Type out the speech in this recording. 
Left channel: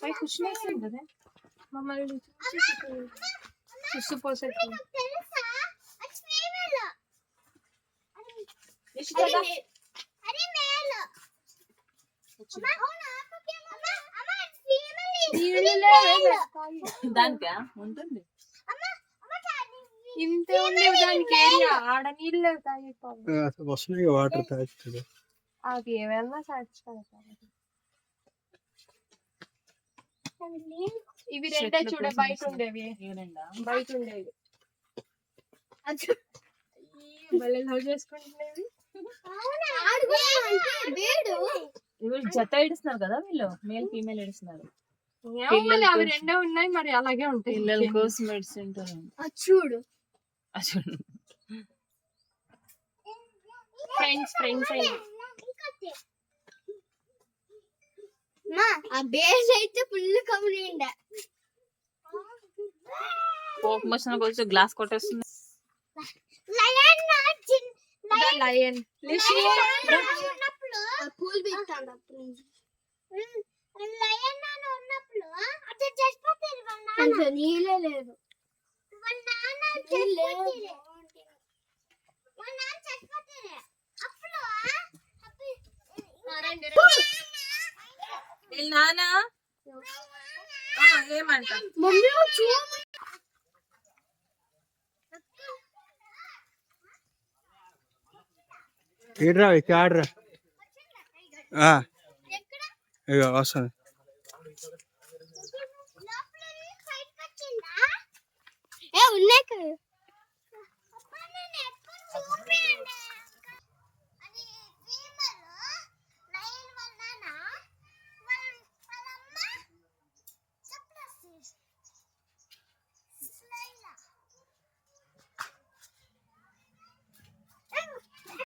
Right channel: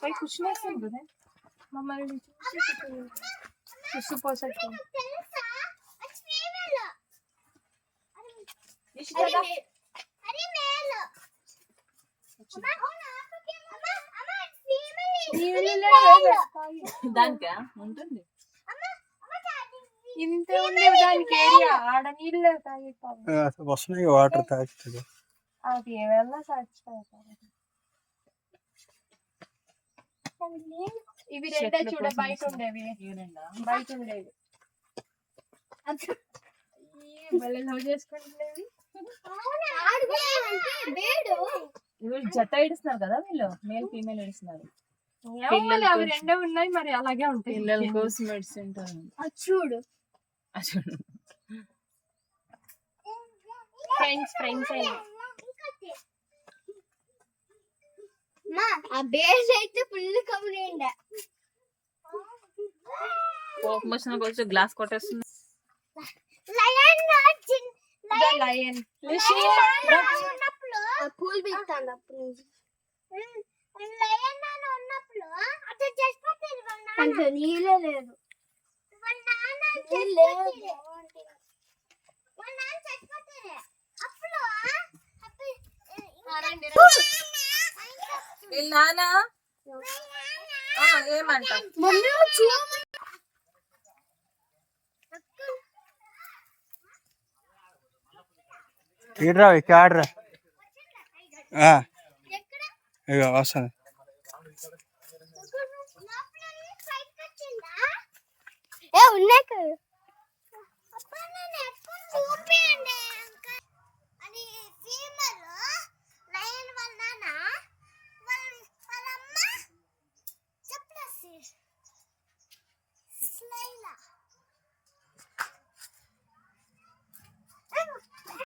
भाई कुछ नहीं सुन रहे मम्मी सुसुपोसट దానికా ఉంటుంది ఇంతే ఉండే దానికి ఏరియా ఆడ నీళ్ళు తాగి వస్తున్నాయి వాటర్ తాగుతుంది అది ఏమైనా సాటిస్ఫై అవుతారు ఇవి రెండే చూడ బయట ఉండేవి బయట ఉండేవి మళ్ళీ లవ్ చేసుకుంటున్నావి జత ఏడుస్తున్నారు కదా వీళ్ళు మేల్ ఫీమేల్ ఏడుస్తున్నారు అవి రెండే ఉన్నాయి మరి అలాగే ఉంటాయి పిల్లల కోసం ఏడుస్తుంటారు చూడు ఫ్రెండ్స్ ఆ బేస్ అయితే ఫుల్ కమిలిండ కోపం వచ్చిన కొంచెం గ్లాస్ కొట్టేస్తుంది లయన్ పూల్ బిస్తాంది అప్పుడు లయన్ నాన్న ఉన్నప్పుడు అట్లా చచ్చిపోతుంది నీళ్ళే లేదు వీళ్ళ నాన్న ఏమంట ఈడ్రా ఇక్కడ ఆడరా ఇక వస్తుంది ఉన్నాయి కదా